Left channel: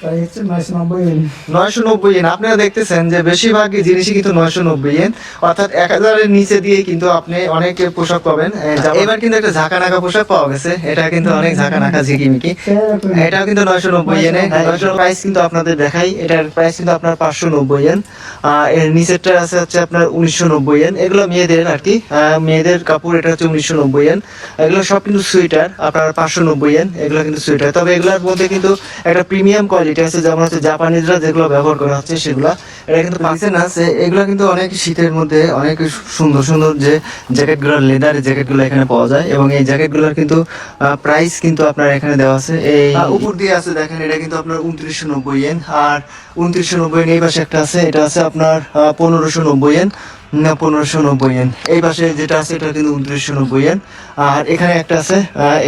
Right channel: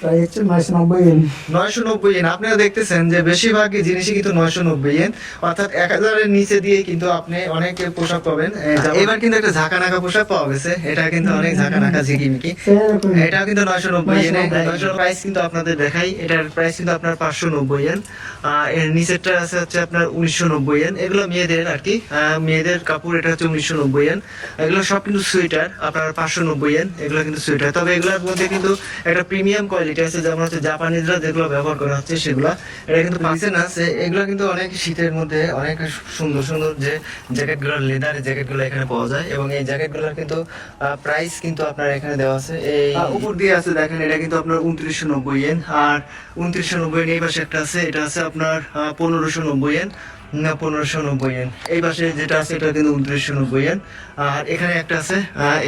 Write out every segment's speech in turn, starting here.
প্রায় হচ্ছে 990 in. 990 yen. আপনারা দেখতেছেন যে বেশিরভাগই জিনিসই কিন্তু 990 ইয়েন, অর্থাৎ 1000-এর নিচে দিয়ে কিন্তু আপনি অনেক পোশাক পাবেন। এবার কিন্তু একটা ঝাঁকা নাকা পোশাক পাওয়া গেছে, এটা কিন্তু অনেক ঝাঁকা নাকা ঝিকিমিকি। এটাও কিন্তু 990 ইয়েনে। 990 প্রাইস কিন্তু আপনাদের দেখাই, এটার প্রাইস কিন্তু আপনার 590 ইয়েন। এর নিচেরটা আছে হচ্ছে আপনার 1990 ইয়েন। এগুলো মেয়েদের আর কি, মেয়েদের কাপড়, এটা হচ্ছে 1990 ইয়েন। এগুলো সব কিন্তু সুইটার, আপনার 590 ইয়েন। এগুলো কিন্তু সুইটার, তবে এগুলোর মধ্যে কিন্তু একটা প্রিমিয়াম কোয়ালিটি আছে, যেমন হচ্ছে জাপানিজরা যেগুলো ব্যবহার করা হচ্ছে সেগুলা। এটা কিন্তু পার্সেন আছে। এগুলো কিন্তু অনেক শীতের মধ্যে অনেক সুন্দর সুন্দর যে জ্যাকেটগুলো, লেদারের জ্যাকেটগুলো এখানে পাওয়া যায়, এবং এই জ্যাকেটগুলোর কিন্তু প্রাইস কিন্তু আপনার এখানে দেওয়া আছে। এই উপর দিয়ে আছে দেখেন, এটা কিন্তু আপনার 2990 ইয়েন। আর 2990 ইয়েন। এই পাশে একটা আছে, এটা আছে আপনার 1590 ইয়েন, না 1590 ইয়েন। এই পাশে যেটা আছে এটা কিন্তু 2990 ইয়েন। আর এখানে একটা আছে,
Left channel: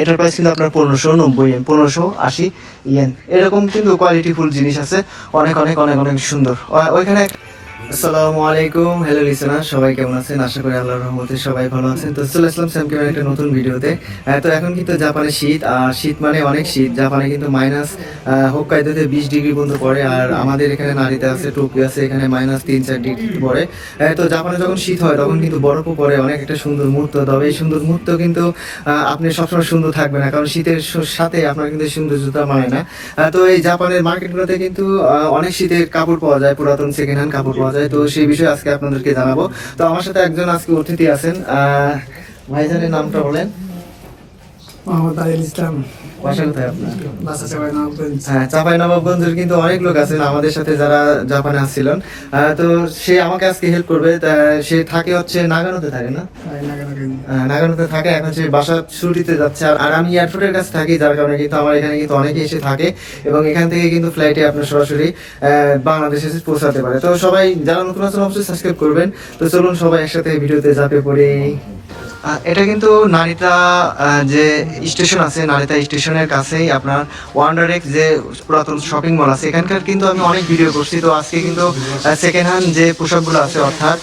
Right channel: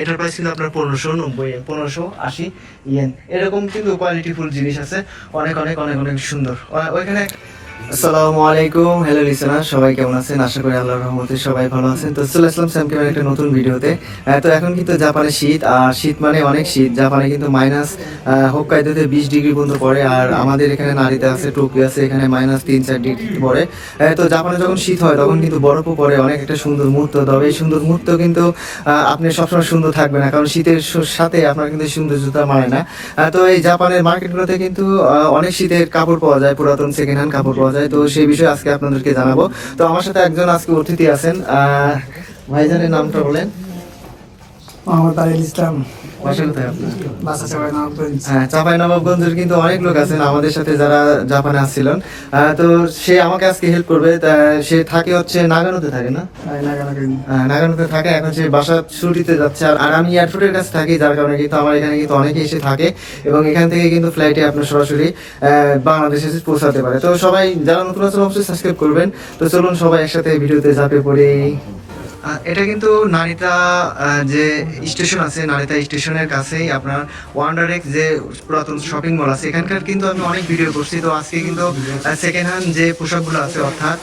এটার প্রাইস কিন্তু আপনার 1590 ইয়েন, 1580 ইয়েন। এরকম কিন্তু কোয়ালিটিফুল জিনিস আছে, অনেক অনেক অনেক অনেক সুন্দর। ওইখানে আসসালামু আলাইকুম, হ্যালো লিসেনার, সবাই কেমন আছেন? আশা করি আল্লাহর রহমতে সবাই ভালো আছেন। তো চলে আসলাম স্যামকিমের একটা নতুন ভিডিওতে। তো এখন কিন্তু জাপানে শীত, আর শীত মানে অনেক শীত। জাপানে কিন্তু মাইনাস হোক্কাইদোতে 20 ডিগ্রি পর্যন্ত পড়ে, আর আমাদের এখানে নারিতে আছে, টোকিও আছে, এখানে মাইনাস 3-4 ডিগ্রি পড়ে। তো জাপানে যখন শীত হয় তখন কিন্তু বরফও পড়ে, অনেক একটা সুন্দর মুহূর্ত। তবে এই সুন্দর মুহূর্ত কিন্তু আপনি সবসময় সুন্দর থাকবে না, কারণ শীতের সাথে আপনার কিন্তু সৌন্দর্যতা মানে না। তো এই জাপানের মার্কেটগুলোতে কিন্তু অনেক শীতের কাপড় পাওয়া যায়, পুরাতন সেকেন্ড হ্যান্ড কাপড় পাওয়া যায়। তো সেই বিষয়ে আজকে আপনাদেরকে জানাবো। তো আমার সাথে একজন আজকে অতিথি আছেন, ভাইজানের নামটা বলেন। মোহাম্মদ আরিল ইসলাম। বাসা কোথায় আপনার? বাসা চাঁপাইনবাবগঞ্জ। হ্যাঁ, চাঁপাইনবাবগঞ্জের কিন্তু অনেক লোক আছেন আমাদের সাথে যারা জাপানে আসছিলেন। তো সে আমাকে আজকে হেল্প করবে। সে থাকে হচ্ছে নাগানোতে থাকে না, নাগানোতে থাকে। এখন সে বাসা ছুটিতে যাচ্ছে, আর আমি এয়ারপোর্টের কাছে থাকি, যার কারণে কিন্তু আমার এখানে কিন্তু অনেকে এসে থাকে, এবং এখান থেকে কিন্তু ফ্লাইটে আপনার সরাসরি বাংলাদেশে এসে পৌঁছাতে পারে। তো সবাই যারা নতুন আছেন অবশ্যই সাবস্ক্রাইব করবেন। তো চলুন সবাই একসাথে ভিডিওতে ঝাঁপিয়ে পড়ি। এটা কিন্তু নারিতা যে স্টেশন আছে, নারিতা স্টেশনের কাছেই আপনার ওয়ান্ডারেক্স যে পুরাতন শপিং মল আছে, এখানকার কিন্তু আমি অনেক ভিডিও করছি। তো আজকে কিন্তু সেকেন্ড হ্যান্ড যে পোশাকগুলো আছে, অর্থাৎ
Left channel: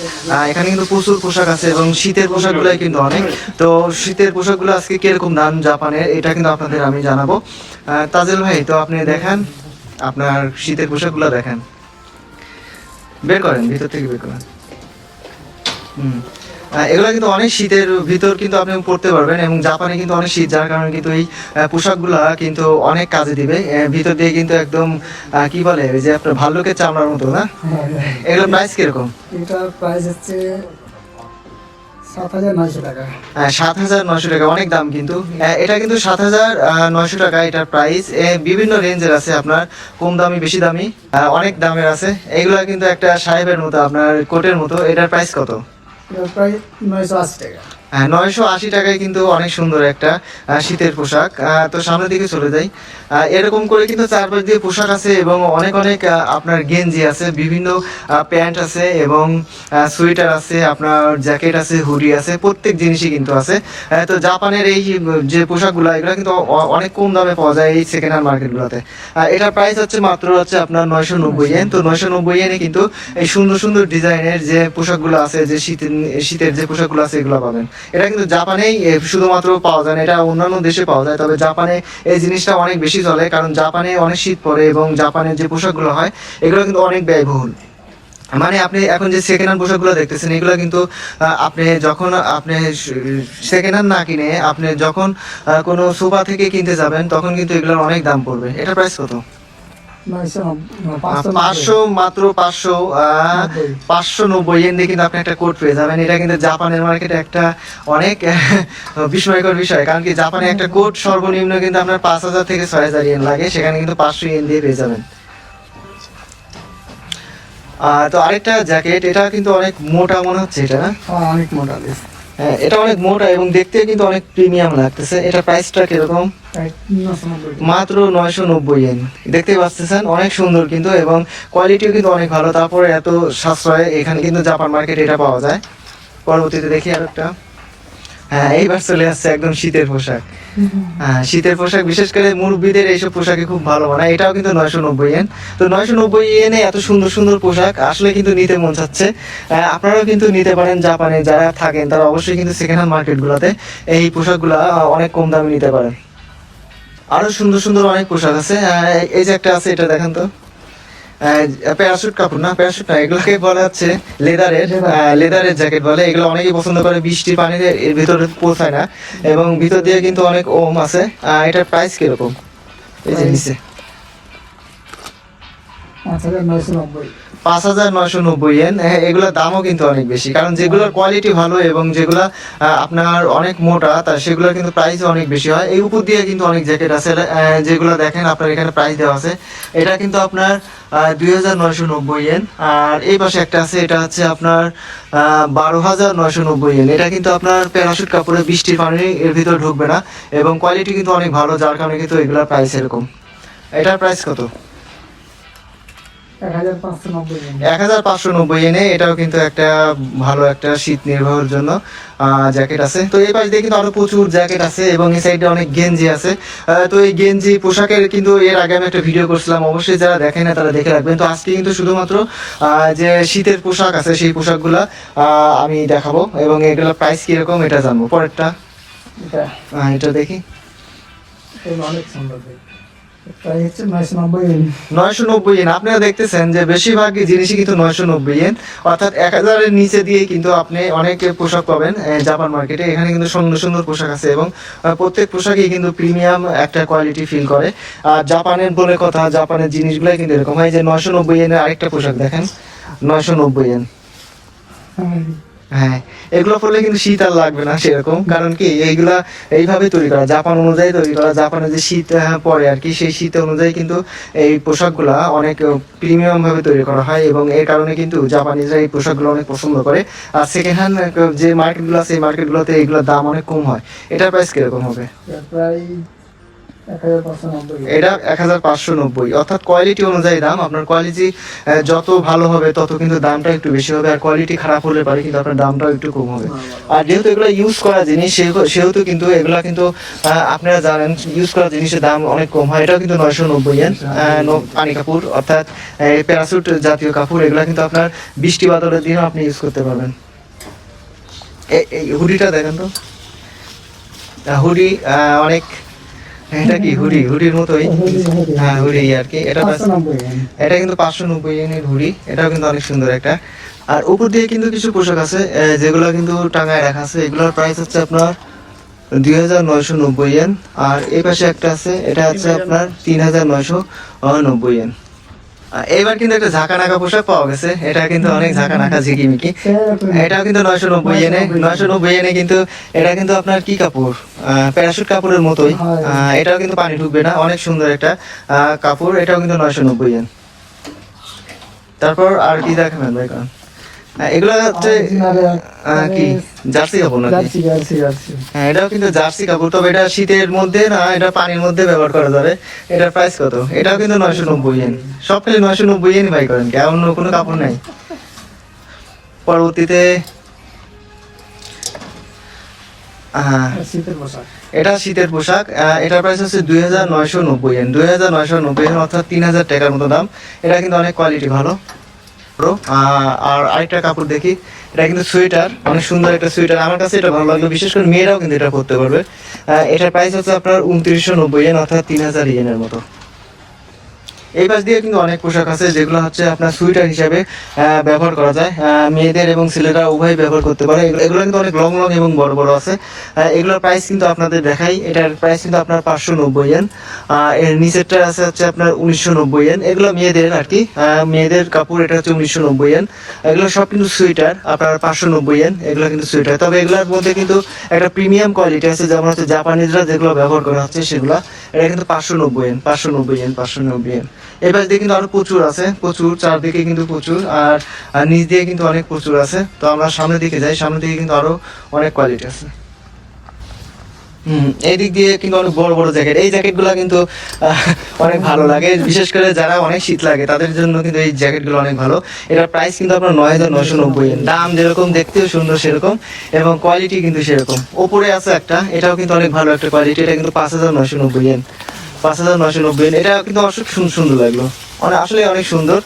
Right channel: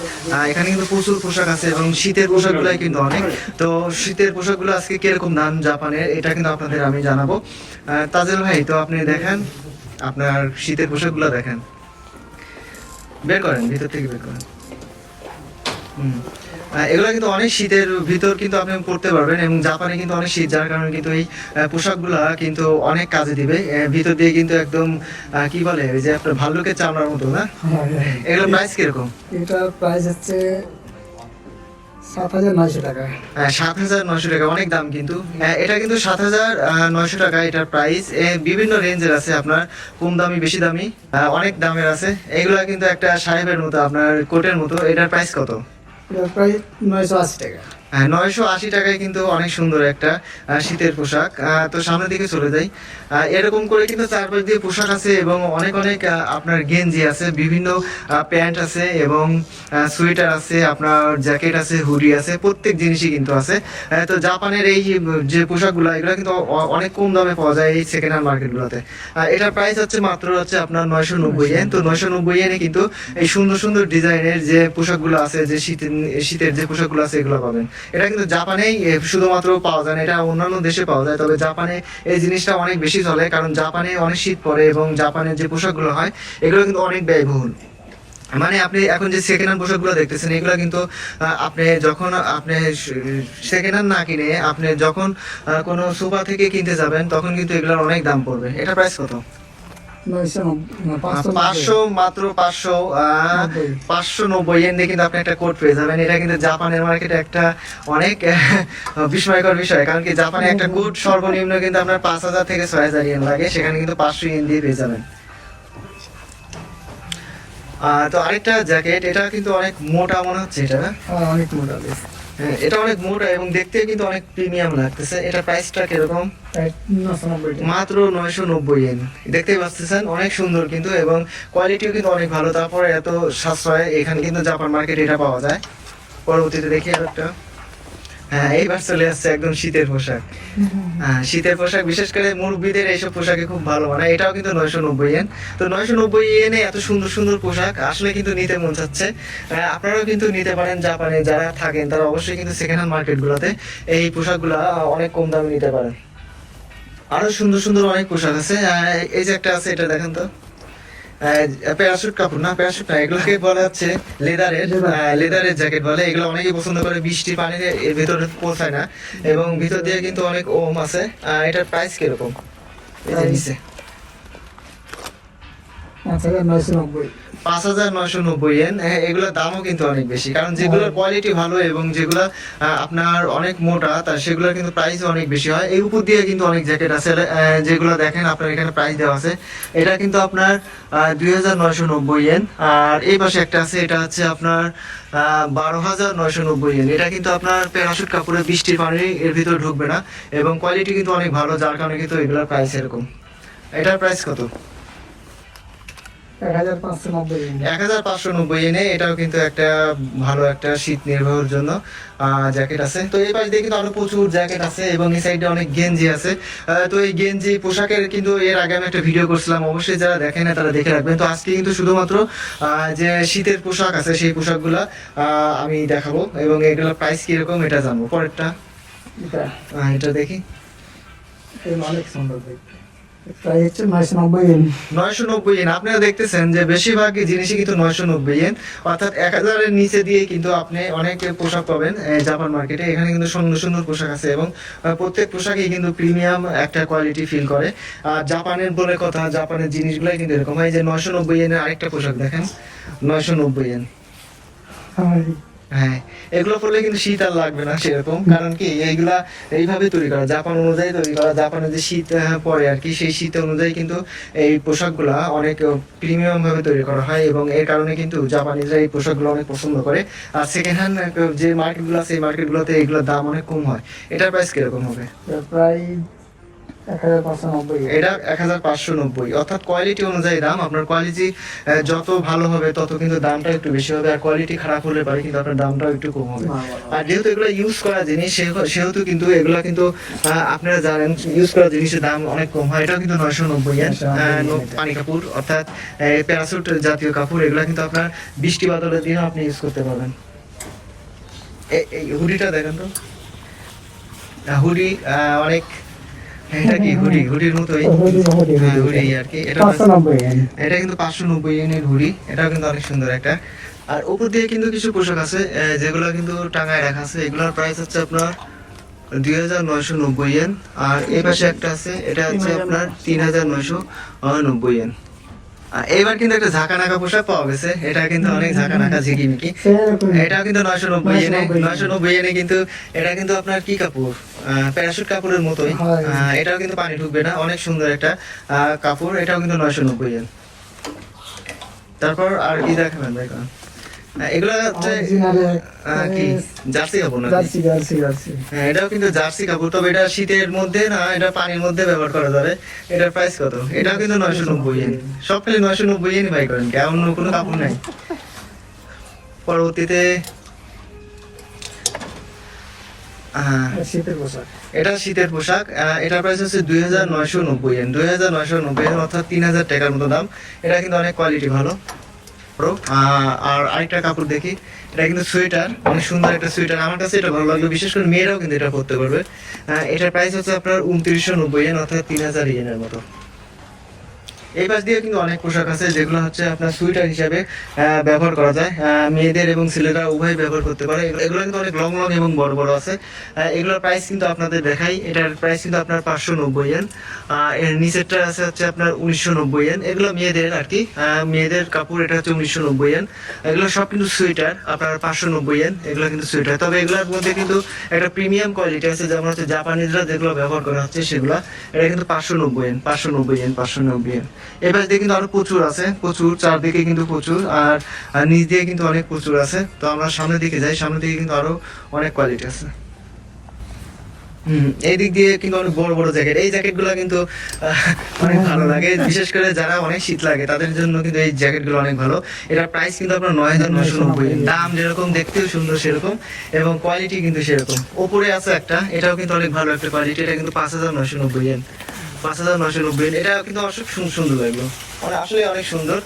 এখানে কিন্তু প্রচুর পোশাক আছে, এবং শীতের পোশাকগুলোই কিন্তু অনেক। তো শীতের পোশাকগুলো আজকে কিরকম দাম জাপানের, এটা কিন্তু আপনাদের আমি জানাবো। তাজেল ভাই, তো আপনি দেখান আপনার শীতের পোশাকগুলো দেখান, বের করেন, ভিতর থেকে বের করেন। এগুলো কিন্তু অনেক শীতের ভিতর কিন্তু আপনি পড়তে পারবেন, এবং জাপানে কিন্তু অনেক শীত, যার কারণে কিন্তু এই পোশাকগুলা কিন্তু অনেক কাজে দিবে। ভিতর দিয়ে কিন্তু একদম কি বলে, ওই যে আপনার ভাল্লুকের চামড়ার মতো না। এগুলো প্রাইস কিরকম? এটা প্রাইস হচ্ছে 7,900 টাকা। 7,900 টাকা, অনেক দাম কিন্তু। এটা কিন্তু 7,900 টাকা এটার প্রাইস। বিভিন্ন রেঞ্জের আছে, আপনার কম দামি, বেশি দামি, অনেক দামের আছে। এগুলো কিন্তু একটা সাহেবের মতো, আপনার কোটের মতো। এটার প্রাইস কত? এটা প্রায় 980 টাকা। 980 টাকায় কিন্তু অনেক সুন্দর একটা শীতের পোশাক। তো সামনের দিকে চলে যাই। এরকম করে কিন্তু চারপাশ দিয়ে পোশাক আছে, এবং অনেক অনেক আপনার গেঞ্জি আছে, বিভিন্ন প্যান্ট আছে, এবং সোয়েটার আছে, আপনার জ্যাকেট আছে, হুডি আছে, প্রত্যেক জিনিসই কিন্তু আছে। তো জাপানের এই যে পোশাকগুলো, এগুলো কিন্তু অনেক কম দামে পাওয়া যায় এই সেকেন্ড হ্যান্ড মার্কেটগুলোতে। এটার প্রাইস হচ্ছে মাত্র হচ্ছে আপনার 990 ইয়েন। তো 990 ইয়েনে কিন্তু এই সুন্দর সুন্দর ডিজাইনের যে পোশাকগুলো আছে, যে শীতের যে পোশাকগুলো আছে, এগুলো পাবেন। এটা কিন্তু জাপানেই শুধুমাত্র পাওয়া যায় না, এটা অন্যান্য দেশে পাওয়া যায়, তবে জাপানে এই জিনিসটা অনেক বেশি চলে, কারণ জাপানে অনেক শীত পড়ে, এবং জাপানের যে পোশাকগুলো হয় এগুলো কিন্তু অনেক ব্যয়বহুল। মানে আপনি এখন যে সেকেন্ড হ্যান্ড পোশাকগুলো দেখতেছেন, এগুলো কিন্তু আপনি যখন আপনি সেকেন্ড হ্যান্ড না কিনে আপনি যখন কোনো সোফা থেকে কিনতে যাবেন, তখন কিন্তু এগুলোর অনেক দাম পড়বে। এটার প্রাইস কত? 500, মাত্র 590 ইয়েন দিয়ে কিন্তু আপনি একটা কোট পেয়ে যাবেন। এটা কিন্তু জাপানের মার্কেটে একটা অনেক বিস্ময়কর বিষয়, কারণ কি জাপানে একটা কোট সর্বনিম্ন কিন্তু আপনার 5,000 থেকে 6,000 ইয়েন লাগে, সেখানে কিন্তু 500 ইয়েন দিয়ে পেয়ে যাবেন। তো আরেকটা জ্যাকেট, এটা কিন্তু অনেক মোটা মনে হচ্ছে, এটা না? অনেক মোটা। হ্যাঁ, এটা অনেক মোটা, এবং দেখতে কিন্তু অনেক প্রিমিয়াম লাগতেছে। এটা প্রাইসটা কিরকম? মাত্র 990 ইয়েন। দেখতে পাচ্ছেন অনেক সুন্দর কিন্তু, এবং কোয়ালিটিও কিন্তু অনেক ভালো। তারপরে এত সাশ্রয়, এখানে কিন্তু জাপান মার্কেটে এটা পাওয়া যায়। পরবর্তীতে দেখি আর একটা। হ্যাঁ, এইবার চলে আসছে একদম শীতের পোশাক। হ্যাঁ, শীতের পোশাক বিশেষ করে মুরব্বীদের এইসব পোশাকে খুব ভালো মানায়। এটাও কিন্তু 990 ইয়েন। তো 990 ইয়েনে এত সুন্দর সুন্দর পোশাক আসলে কিন্তু নিতে মন চাচ্ছে। আপনারাও কিন্তু নিতে পারেন, জাপানে যারা থাকেন তারা অবশ্যই কিন্তু সেকেন্ড হ্যান্ড মার্কেটগুলোতে এই পোশাকগুলো অনেক কম দামে নিতে পারেন। আরো সুন্দর সুন্দর অনেক পোশাক আছে। এই যে একটা আছে, এটা দেখেন তো, প্যারাশুট কাপড় না, প্যারাশুট না, এগুলোকে বলা হচ্ছে লেদারের জ্যাকেট বলে। এগুলো অনেকেই পছন্দ করে, বৃষ্টির পানিতে এর ভিতরে পৌঁছায় না এবং ভিতর দিয়ে কিন্তু অনেক ওম আছে। এটার প্রাইস কিরকম? এই যে নিচে 5,990। 5,990 ইয়েন। এগুলোর দামও কিন্তু অনেক বেশি, কারণ যেগুলোর কোয়ালিটি ভালো এবং যেগুলা আপনার অনেক মোটা, তা সেগুলোর কিন্তু প্রাইস অনেক বেশি হয়। এই উপর দিয়ে কিন্তু অনেক জ্যাকেট আছে, যেগুলো দেখেন আপনার এখানে প্রাইস দেওয়া আছে। এটা কিন্তু আপনার 2,990 ইয়েন। আর এই পাশে একটা আছে, এটা হচ্ছে আপনার 12,990 ইয়েন। এটা কিন্তু আপনার প্যারাশুট কাপড়ে বৃষ্টির পানি এর ভিতরে ঢুকবে না এবং কোয়ালিটি কিন্তু অনেক ভালো, যার কারণে কিন্তু এগুলোর প্রাইস এরকম। এটার প্রাইস কত? 1,590। 1,590 ইয়েনে। এটাও কিন্তু একটা ভালো একটা শীত নির্ভর জন্য জ্যাকেট আছে। তো এই পাশ দিয়ে কিন্তু আরো প্রচুর জ্যাকেট আছে এবং এই সাইডে অনেক গেঞ্জি আছে। তো এই গেঞ্জি পোশাকের কিন্তু এর আগে আমি একটা ভিডিও করছিলাম, অবশ্যই যারা দেখেন না তারা দেখে রাখবেন। তো আজকে কিন্তু শুধুমাত্র যে শীতের পোশাক আছে সেই পোশাকগুলা আমি দেখাবো এবং এগুলোর প্রাইস কিরকম এটা জানবো। পরেরটা এটা দেখি, এটা অনেক সুন্দর দেখতে। প্রাইস হচ্ছে 990 ইয়েন। 990 ইয়েন। আপনারা দেখতেছেন যে বেশিরভাগই জিনিসই কিন্তু 990 ইয়েন, অর্থাৎ 1,000-এর নিচে দিয়ে কিন্তু আপনি অনেক পোশাক পাবেন জাপান মার্কেটে। এখানে কিন্তু সুন্দর সুন্দর পোশাক আছে এবং প্রত্যেক পোশাকই কিন্তু প্রিমিয়াম একটা কোয়ালিটি ফিল করে। আর জাপানের বলে কথা, জাপানের জিনিসগুলাই কিন্তু এরকম হয়। যে 990 ইয়েনের আরেকটা পোশাক দেখেন, 990 ইয়েন। হ্যাঁ, এগুলো পরলে কিন্তু শীত আর লাগবে না সেরকম, কারণ কি এইগুলা এইভাবে তৈরি করা, জাপান অনুযায়ী তৈরি করা। জাপানে যে শীত পড়ে আর কি, সেই শীত অনুযায়ী কিন্তু এই পোশাকগুলা অনেক প্রিমিয়াম ভাবে তৈরি করা হয় এবং এর কারণে কিন্তু জাপানিজরা এই পোশাকগুলো অনেক পছন্দ করে। আর সেকেন্ড হ্যান্ড যে মার্কেটগুলো আছে, এই মার্কেটগুলোতে এগুলোর দাম অনেক কম হয়। এটার প্রাইস কিরকম হবে? প্রায় 1,590 ইয়েন। এটা 1,590, অর্থাৎ কোয়ালিটি অনুযায়ী দাম। আপনার কোয়ালিটি যত ভালো হবে তত কিন্তু দামটা একটু বেশি হবে, আর কোয়ালিটি খারাপ হলে পারে কিন্তু আপনার দামটা একটু কম হবে। আর যেহেতু এগুলো ইউজ করা জিনিস, সেহেতু কিন্তু এগুলা কিন্তু আপনারা জানেন ইউজ করা জিনিসের দাম অনেক কম হয়। এটাও কিন্তু 990 ইয়েন। পানি কাপড়, অর্থাৎ প্যারাসুট জাতীয় কাপড়। এগুলা কিন্তু আপনার বৃষ্টি বাদলের দিনেও আপনি ইউজ করতে পারবেন। এই হুডিটা দেখেন তো, হুডি অনেক, এটা কি হুডির মতোই। হ্যাঁ, হুডি আর কি। এটা 590 ইয়েন। এটা কিন্তু 590 ইয়েনের হুডি। এটাও কিন্তু অনেক সুন্দর একটা। আর উপর দিয়ে কিন্তু কিছু পোশাক আছে যেগুলো কিন্তু টাঙায় রাখা আছে। এগুলোর প্রাইস হচ্ছে আপনার 2,990 ইয়েন। আর এই পাশে একটা আছে, এটা হচ্ছে আপনার 3,990 ইয়েন। এবার কিন্তু একটা ঝাঁকা নাকা পোশাক পাওয়া গেছে, এটা কিন্তু অনেক ঝাঁকা নাকা ঝিকিমিকি। এটাও কিন্তু 990 ইয়েনে। 990 ইয়েনে কিন্তু এটা কিন্তু আপনার কি কাপড়, প্যারাশুট কাপড়ের মতোই। এটাও কিন্তু পানি ঢুকবে না, অনেক সুন্দর একটা কাপড়। এটাও কিন্তু 990 ইয়েন। তারপর আর কি দেখেন ভাই? এগুলো হচ্ছে কি জার্সি কাপড় নাকি? হ্যাঁ, এটাও কিন্তু জার্সি কাপড়, তবে এটা শীতের মধ্যে না, এটা পানির মধ্যে ব্যবহার করা যাবে। এটার প্রাইস কত? এটাও কিন্তু 990 ইয়েন। সব খালি 990 ইয়েন বাই করেন, কি অন্য কোনো কাপড় নাই? পরবর্তীতে শীতের পোশাক। এটা শীতের পোশাক। এটার প্রাইস হচ্ছে 2,990 ইয়েন। 2,990 ইয়েন, অর্থাৎ 3,000 টাকার মতো দাম। এটা কিন্তু অনেক কোয়ালিটি ভালো। আর আরেকটা কাপড় দেখি, এটা কিন্তু সোয়েটার, অনেক সুন্দর একটা সোয়েটার। আমার কাছে এটা ভালো লাগলো, বিশেষ করে মেয়েরাও কিন্তু এটা পরতে পারবে। এটার প্রাইস হচ্ছে আপনার 2,990 ইয়েন, অর্থাৎ 3,000 ইয়েনের মতো। এই পাশ দিয়ে কিন্তু অনেক পোশাক আছে যেগুলো হচ্ছে আপনার সুইটার হিসাবে ব্যবহার করা যায়। মেয়েদের এবং ছেলেরা উভয় ব্যবহার করতে পারে। এগুলো কিন্তু অনেক লং লং এবং বড় বড় আছে। এগুলোর প্রাইস কিন্তু আপনাদের দেখাই। এটার প্রাইস কিন্তু আপনার 590 ইয়েন। এর নিচেরটা আছে হচ্ছে আপনার 1,990 ইয়েন। এগুলো মেয়েদের আর কি, মেয়েদের কাপড়। এটা হচ্ছে 1,990 ইয়েন। এগুলো সব কিন্তু সুইটার, আপনার 590 ইয়েন। এগুলো কিন্তু সুইটার, তবে এগুলোর মধ্যে কিন্তু একটা প্রিমিয়াম কোয়ালিটি আছে, যেমন হচ্ছে জাপানিজরা যেগুলো ব্যবহার করা হচ্ছে সেগুলো। এটা কিন্তু 590 ইয়েন, 590 ইয়েন, 590 ইয়েন। এবার দিয়ে কিন্তু আরো প্রচুর আছে, প্রচুর, চারদিকে কিন্তু প্রচুর। আর নিচ দিয়ে কিন্তু অনেক প্রচুর আছে। তো আমরা সামনের দিকে যাই, সামনের দিকে কিন্তু আরো অনেক কোয়ালিটি আছে। এই দিক দিয়ে কিন্তু অনেক বড় বড় জ্যাকেট। এই জ্যাকেট গুলা কিন্তু অনেক ভালো লাগে, বিশেষ করে যারা অনেক শীত লাগে তাদের জন্য কিন্তু এই জ্যাকেট গুলো অনেক ভালো। এটার প্রাইস কিন্তু আপনার 9,990 ইয়েন। দাম যেরকম, দেখতেও সুন্দর সেরকম, এবং কোয়ালিটি কিন্তু সেরকম। ওপরে আছে একটা, এটাও কিন্তু অনেক ভালো একটা কোয়ালিটি। এটা কিন্তু 5,990 ইয়েন, 5,990 ইয়েন। এটা কিন্তু অনেক সুন্দর লাগলো। আসলে অনেক সুন্দর।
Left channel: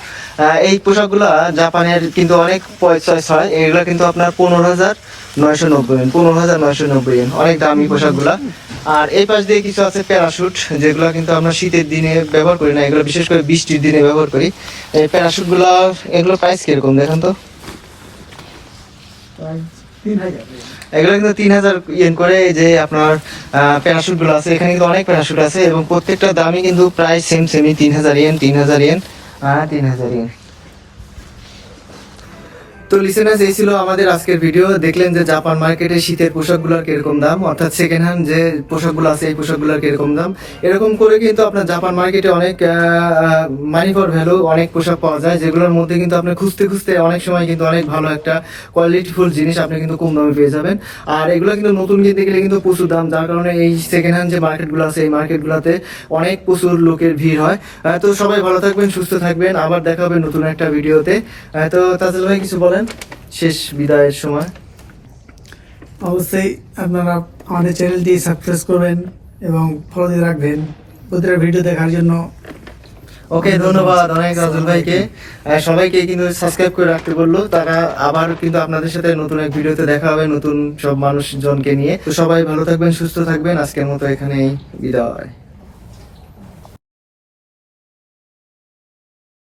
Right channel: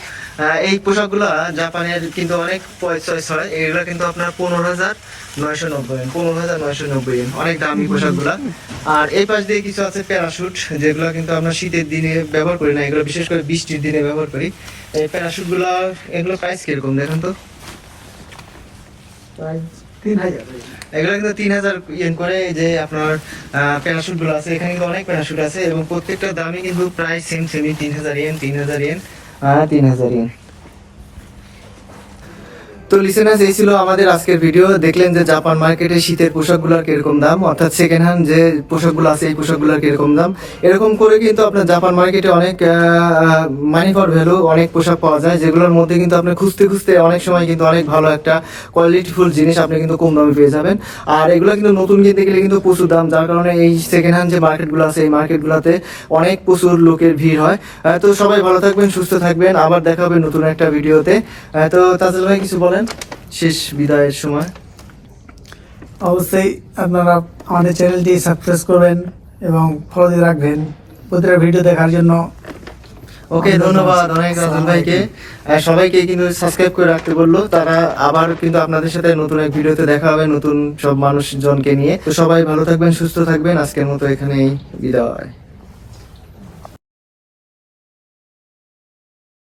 এই পোশাকগুলো জাপানের কিন্তু অনেক চয়েস হয়, এগুলো কিন্তু আপনার 15,990 15,990 yen, অনেক দামি পোশাকগুলা। আর এই পাশ দিয়ে কিছু আছে প্যারাশুট, যেগুলো কিন্তু আমরা শীতের দিনে ব্যবহার করি না, এগুলো বিশেষ করে বৃষ্টির দিনে ব্যবহার করি। এই প্যারাশুট গুলা, এগুলো প্রাইস কিরকম দেখেন তো? প্রায় 3,000 এগুলো কিন্তু 3,000 ইয়েন করে। এই যে আপনার প্যারাশুট গুলো আছে, এখানে কিন্তু অনেক প্যারাশুট আছে এবং প্রত্যেকটা দামই কিন্তু প্রায় সেমই 3,000 ইয়েন 3,000 ইয়েন 3,000 ইয়েন। তো লিসেনার্স, এই ছিল আমাদের আজকের ভিডিও। দেখলেন যে জাপান মার্কেটে শীতের পোশাকগুলোর কিরকম দাম, অর্থাৎ সেকেন্ড হ্যান্ড যে পোশাকগুলো আছে এই পোশাকগুলোর কিরকম দাম। এরকম করে কিন্তু আপনার জাপান মার্কেটে অনেক মানি ফর ভ্যালু অনেক পোশাক পাওয়া যায়, যেগুলোর মধ্যে কিন্তু আপনি খুঁজতে খুঁজতে অনেক সময় কিন্তু অনেক ভালো একটা কোয়ালিটিফুল জিনিস আপনি কিন্তু কম দামে পেয়ে যাবেন। আর এগুলো কিন্তু নতুন কিনতে গেলে কিন্তু প্রচুর দাম, যার কারণে এই সেকেন্ড হ্যান্ড যে মার্কেটগুলো আছে এই মার্কেটগুলোতে অনেক প্রচুর লোকের ভিড় হয়। তো সবাই ভালো থাকবেন, সুস্থ থাকবেন, আবার দেখা হবে নতুন একটা ভিডিওতে। তো তাজুল ভাই কিছু বলেন শেষ বিদায়ের সময়? অবশ্যই আপনারা আমাদের চ্যানেলটি সাবস্ক্রাইব করবেন এবং ফলো দিয়ে রাখবেন প্রতিটা ভিডিও দেখার জন্য। ওকে, ধন্যবাদ অনেক রাজুল ভাইকে। সবাইকে কিন্তু সাবস্ক্রাইব করে রাখতে বললো তারা। আবার কিন্তু আপনাদের সাথে নতুন এক ভিডিওতে দেখা হবে নতুন সব মানুষজনকে নিয়ে। তো সবাই ভালো থাকবেন, সুস্থ থাকবেন। আজকের মতো এখানেই বিদায়।